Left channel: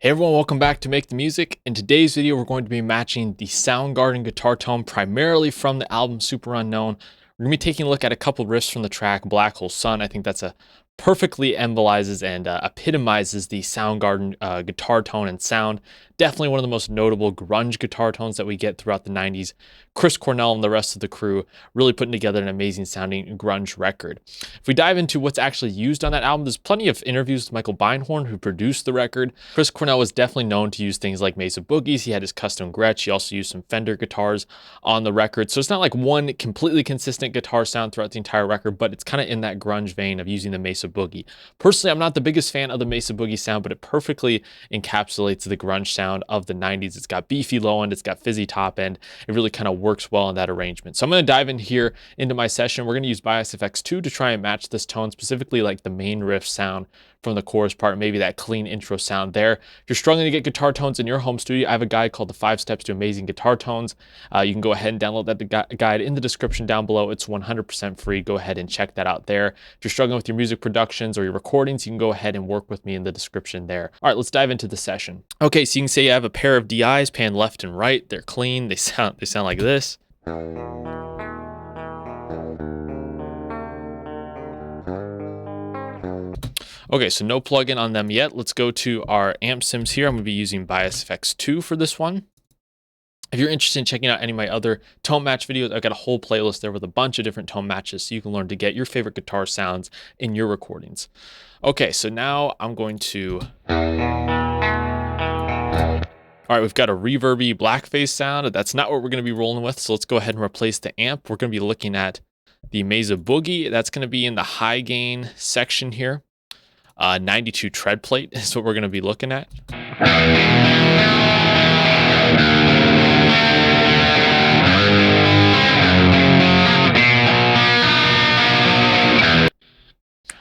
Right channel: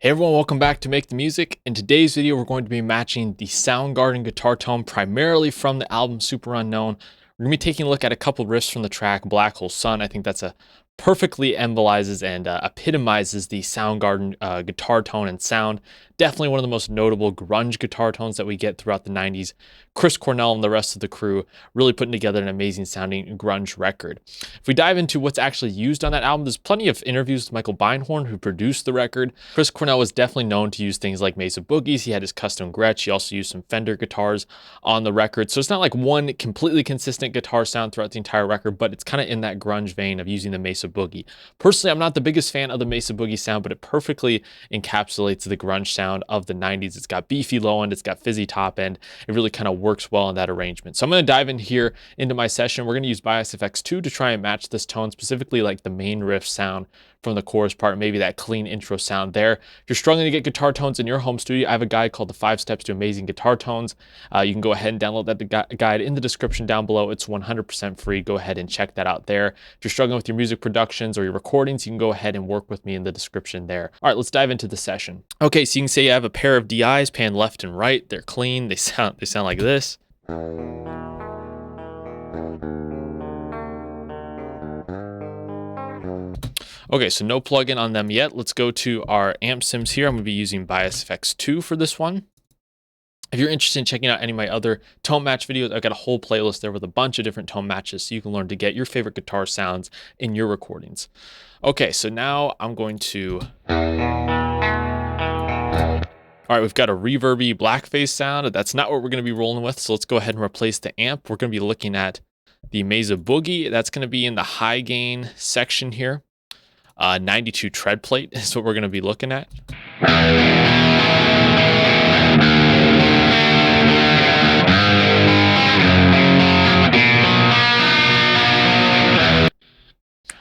Hey everyone, welcome back to Make the Music. In today's video, we're going to be matching the Soundgarden guitar tone primarily from the album Super Unknown. We're going to be taking a look at a couple riffs from the track Black Hole Sun. I think that's a perfectly embolizes and epitomizes the Soundgarden guitar tone and sound. Definitely one of the most notable grunge guitar tones that we get throughout the 90s. Chris Cornell and the rest of the crew really putting together an amazing sounding grunge record. If we dive into what's actually used on that album, there's plenty of interviews with Michael Beinhorn, who produced the record. Chris Cornell was definitely known to use things like Mesa Boogies. He had his custom Gretsch. He also used some Fender guitars on the record. So it's not like one completely consistent guitar sound throughout the entire record, but it's kind of in that grunge vein of using the Mesa Boogie. Personally, I'm not the biggest fan of the Mesa Boogie sound, but it perfectly encapsulates the grunge sound of the 90s. It's got beefy low end, it's got fizzy top end. It really kind of works well in that arrangement. So I'm going to dive in here into my session. We're going to use Bias FX2 to try and match this tone, specifically like the main riff sound from the chorus part, maybe that clean intro sound there. If you're struggling to get guitar tones in your home studio, I have a guide called the 5 Steps to Amazing Guitar Tones. You can go ahead and download that guide in the description down below. It's 100% free. Go ahead and check that out there. If you're struggling with your music productions or your recordings, you can go ahead and work with me in the description there. All right, let's dive into the session. Okay, so you can say you have a pair of DIs pan left and right. They're clean. They sound like this. Okay, so no plugin on them yet. Let's go to our amp sims here. I'm going to be using Bias FX2 for this one. If you're interested in checking out any of my other tone match videos, I've got a whole playlist there with a bunch of different tone matches so you can learn to get your favorite guitar sounds in your recordings. Okay, so now I'm going to... All right, we've got a reverby blackface sound. That's not what we're going to be rolling with, so let's go ahead and replace the amp. We're going to be looking at the Mesa Boogie. That's going to be in the high gain section here. 92 tread plate is what we're going to be looking at.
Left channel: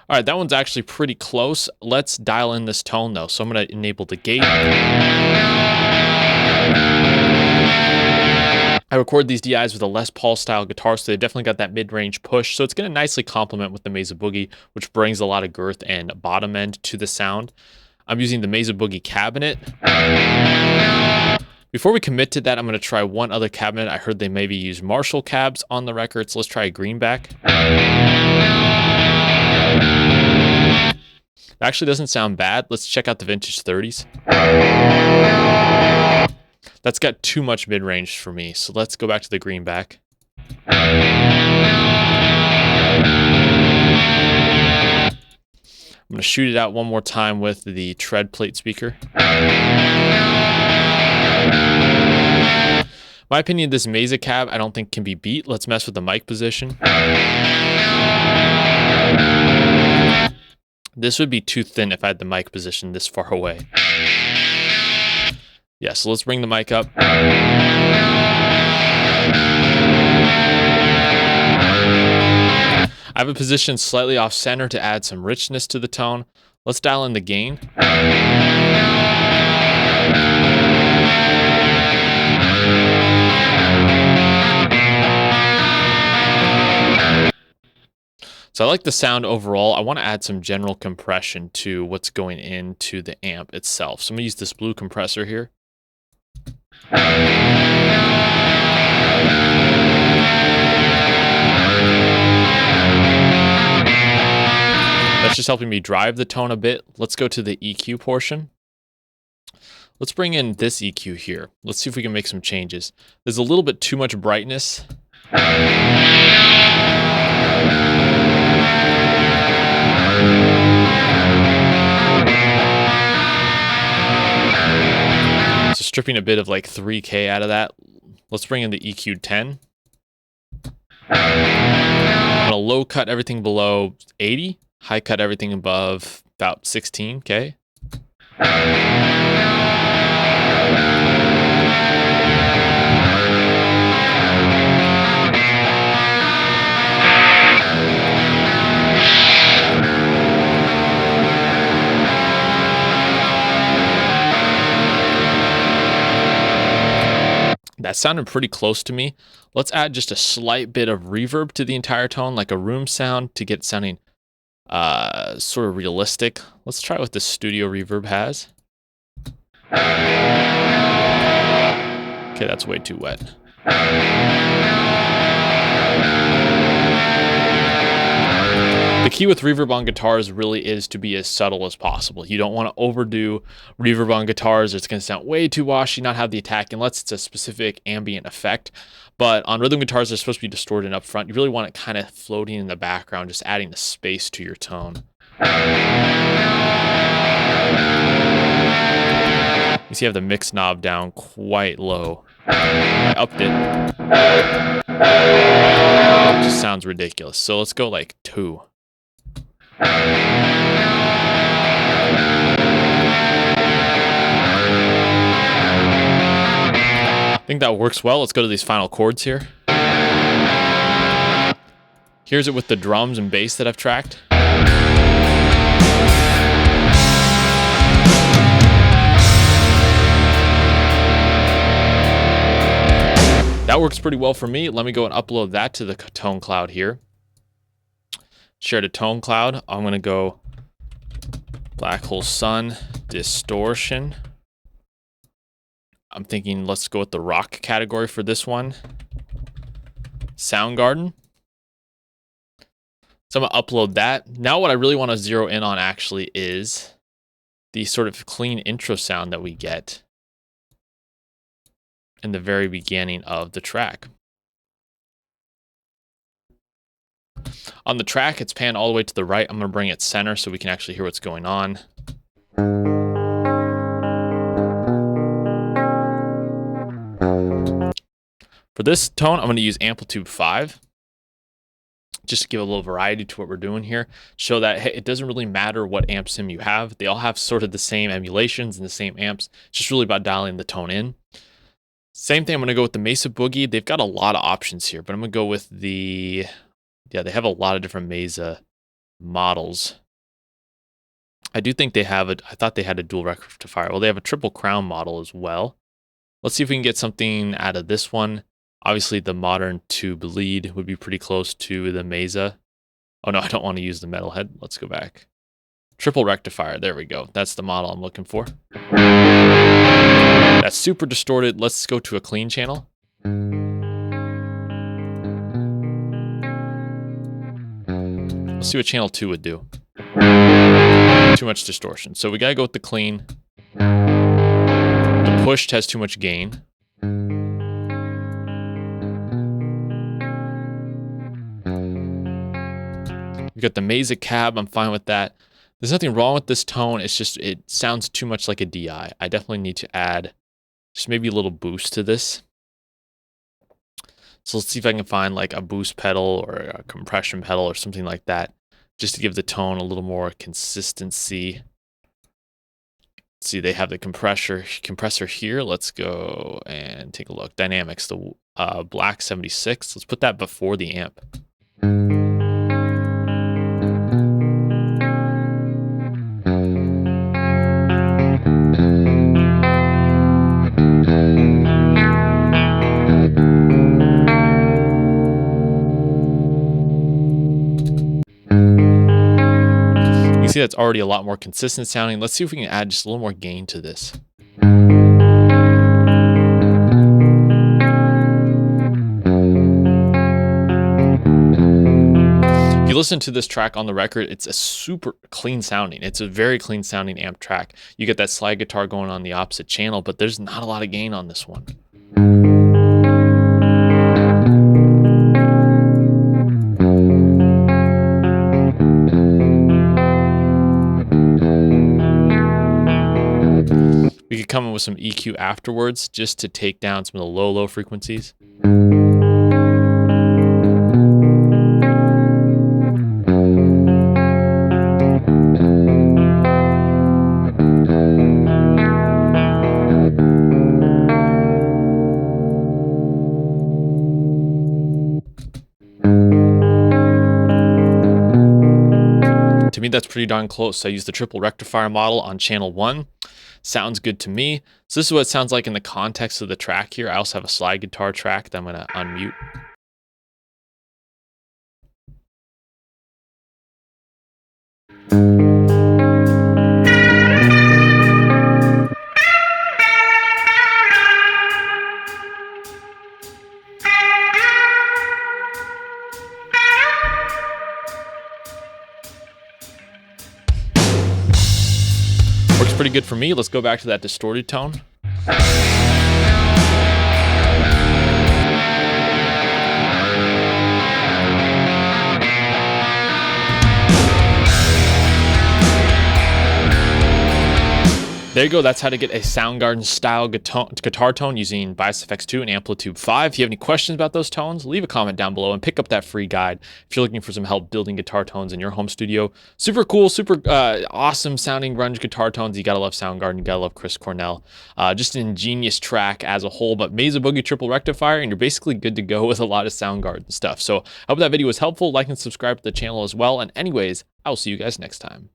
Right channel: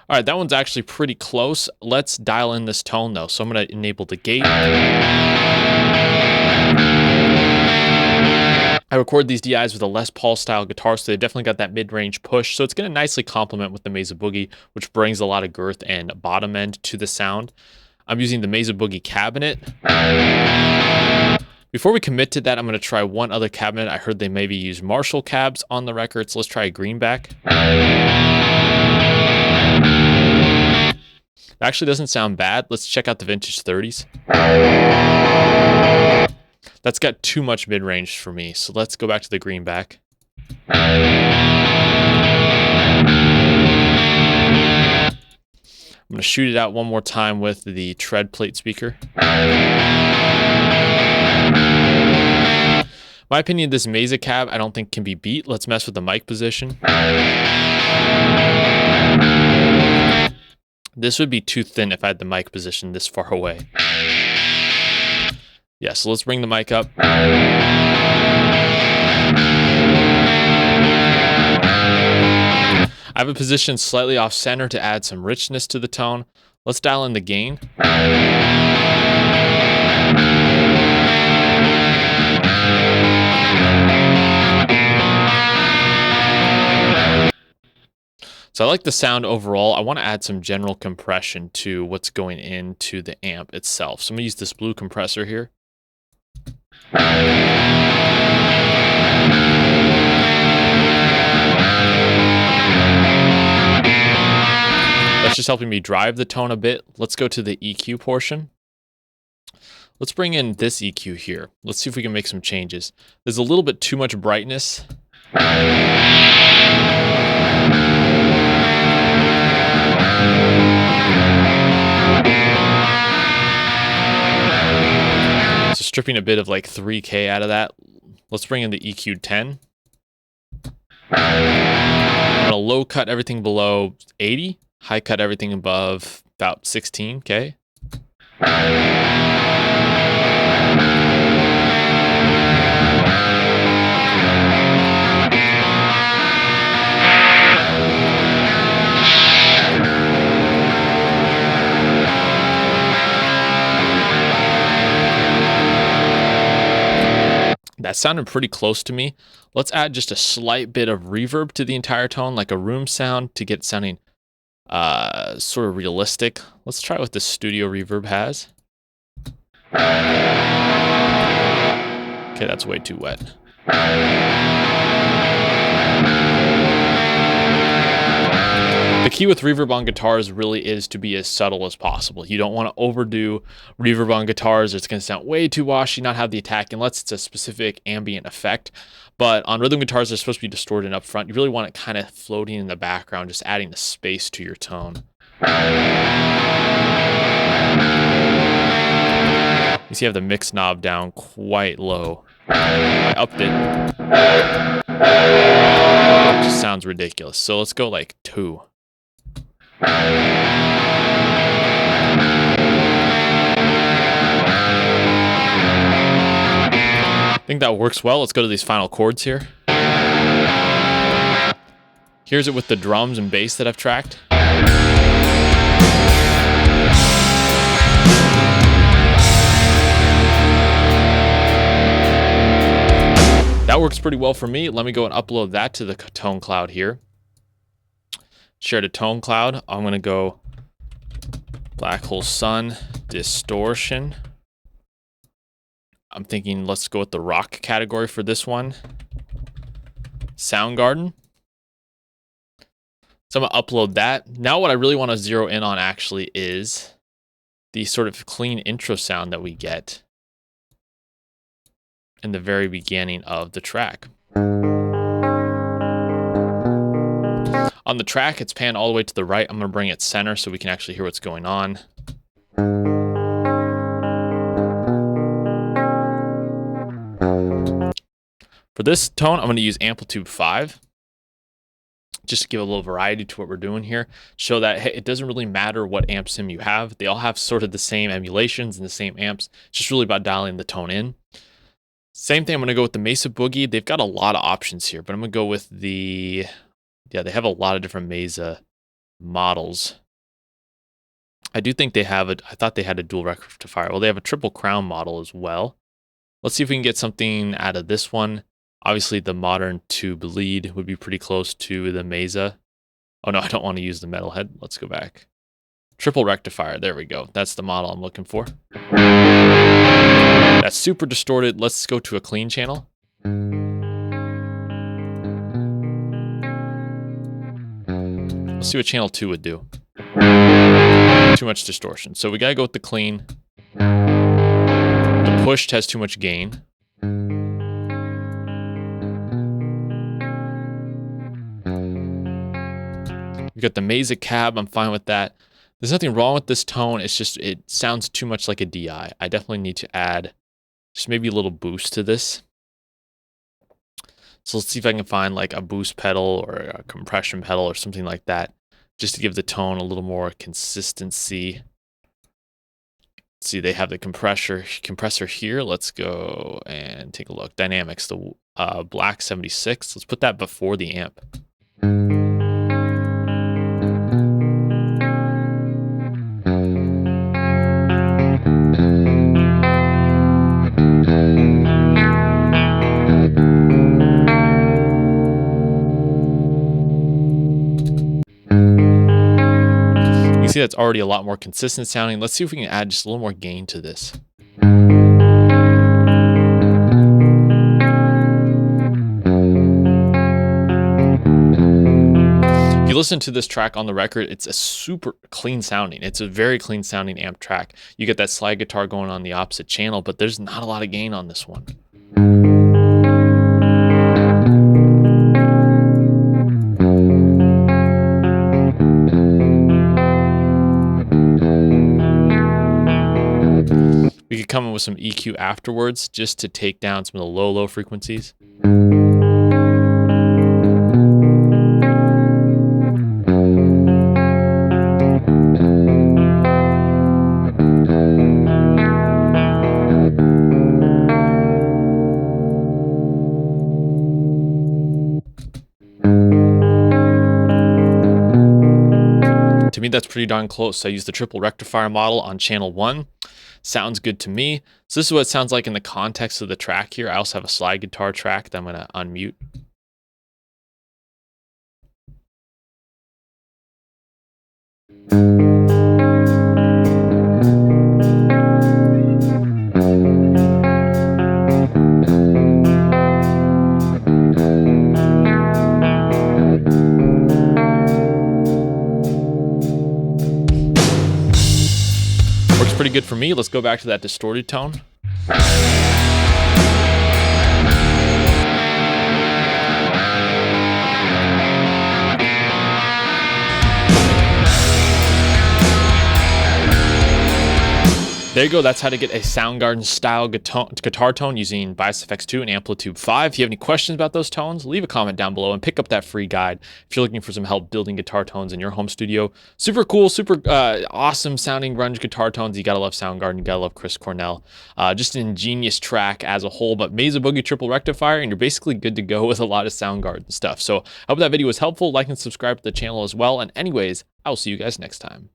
All right, that one's actually pretty close. Let's dial in this tone though. So I'm going to enable the gate. I record these DIs with a Les Paul style guitar, so they definitely got that mid-range push. So it's going to nicely complement with the Mesa Boogie, which brings a lot of girth and bottom end to the sound. I'm using the Mesa Boogie cabinet. Before we commit to that, I'm going to try one other cabinet. I heard they maybe use Marshall cabs on the record, so let's try a greenback. It actually doesn't sound bad. Let's check out the vintage 30s. That's got too much mid-range for me, so let's go back to the greenback. I'm going to shoot it out one more time with the tread plate speaker. My opinion, this Mesa cab I don't think can be beat. Let's mess with the mic position. This would be too thin if I had the mic position this far away. Yeah, so let's bring the mic up. I have it positioned slightly off center to add some richness to the tone. Let's dial in the gain. So I like the sound overall. I want to add some general compression to what's going into the amp itself. So I'm going to use this blue compressor here. That's just helping me drive the tone a bit. Let's go to the EQ portion. Let's bring in this EQ here. Let's see if we can make some changes. There's a little bit too much brightness. So stripping a bit of like 3K out of that. Let's bring in the EQ 10. I'm going to low cut everything below 80. High cut everything above about 16K. That sounded pretty close to me. Let's add just a slight bit of reverb to the entire tone, like a room sound, to get it sounding sort of realistic. Let's try what the studio reverb has. Okay, that's way too wet. The key with reverb on guitars really is to be as subtle as possible. You don't want to overdo reverb on guitars. It's going to sound way too washy, not have the attack, unless it's a specific ambient effect. But on rhythm guitars, they're supposed to be distorted up front. You really want it kind of floating in the background, just adding the space to your tone. You see I have the mix knob down quite low. I upped it. It just sounds ridiculous. So let's go like 2. I think that works well. Let's go to these final chords here. Here's it with the drums and bass that I've tracked. That works pretty well for me. Let me go and upload that to the tone cloud here. Share to tone cloud. I'm going to go Black Hole Sun, distortion. I'm thinking let's go with the rock category for this one. Soundgarden. So I'm going to upload that. Now what I really want to zero in on actually is the sort of clean intro sound that we get in the very beginning of the track. On the track, it's panned all the way to the right. I'm going to bring it center so we can actually hear what's going on. For this tone, I'm going to use amplitude 5. Just to give a little variety to what we're doing here. Show that hey, it doesn't really matter what amp sim you have. They all have sort of the same emulations and the same amps. It's just really about dialing the tone in. Same thing, I'm going to go with the Mesa Boogie. They've got a lot of options here, but I'm going to go with the... Yeah, they have a lot of different Mesa models. I do think they have I thought they had a dual rectifier. Well, they have a triple crown model as well. Let's see if we can get something out of this one. Obviously, the modern tube lead would be pretty close to the Mesa. Oh no, I don't want to use the metalhead. Let's go back. Triple rectifier, there we go. That's the model I'm looking for. That's super distorted. Let's go to a clean channel. Let's see what channel 2 would do. Too much distortion. So we gotta go with the clean. The pushed has too much gain. We got the Mesa cab, I'm fine with that. There's nothing wrong with this tone, it's just, it sounds too much like a DI. I definitely need to add just maybe a little boost to this. So let's see if I can find like a boost pedal or a compression pedal or something like that, just to give the tone a little more consistency. Let's see, they have the compressor here. Let's go and take a look. Dynamics, the Black 76. Let's put that before the amp. You see that's already a lot more consistent sounding. Let's see if we can add just a little more gain to this. If you listen to this track on the record, it's a super clean sounding. It's a very clean sounding amp track. You get that slide guitar going on the opposite channel, but there's not a lot of gain on this one. We could come in with some EQ afterwards just to take down some of the low frequencies. To me, that's pretty darn close. I used the triple rectifier model on channel 1. Sounds good to me. So this is what it sounds like in the context of the track here. I also have a slide guitar track that I'm going to unmute. good for me. Let's go back to that distorted tone. There you go. That's how to get a Soundgarden style guitar tone using Bias FX2 and Amplitude 5. If you have any questions about those tones, leave a comment down below and pick up that free guide if you're looking for some help building guitar tones in your home studio. Super cool, super awesome sounding grunge guitar tones. You gotta love Soundgarden. You gotta love Chris Cornell. Just an ingenious track as a whole, but Mesa Boogie triple rectifier, and you're basically good to go with a lot of Soundgarden stuff. So I hope that video was helpful. Like and subscribe to the channel as well. And anyways, I will see you guys next time.